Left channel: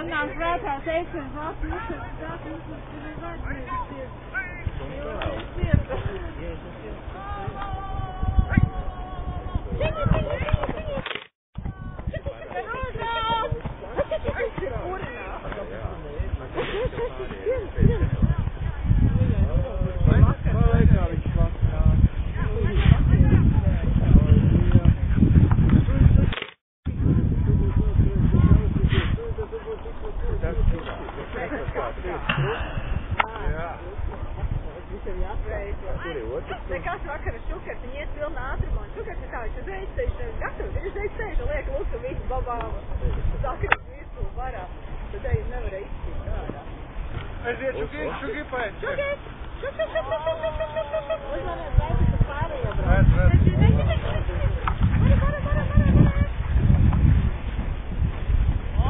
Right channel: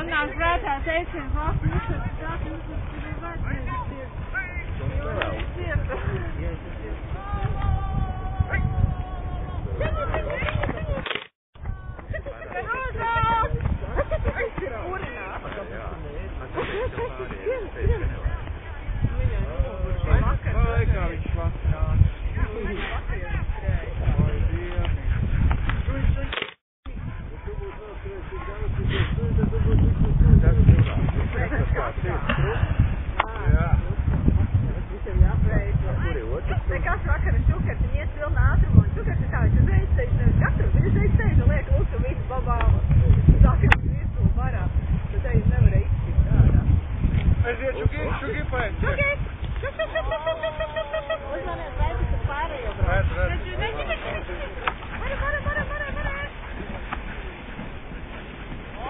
Anāk prātā teiciens, Latvijas ir vajadzības. Nekas vakara šukars, viņi iet pilnā ātrumā, un šukars ir tā, viņš uzreiz steidz, gatavs, viņš uzreiz steidz un liek lūk, un visu babām sakras virsū varā. Tad te jūs nevarēja izskīt ārā. Aiziet, šuki paēst. Šuki! Uzvaniet, vajag, ka pārējo brauc. Vajag! O,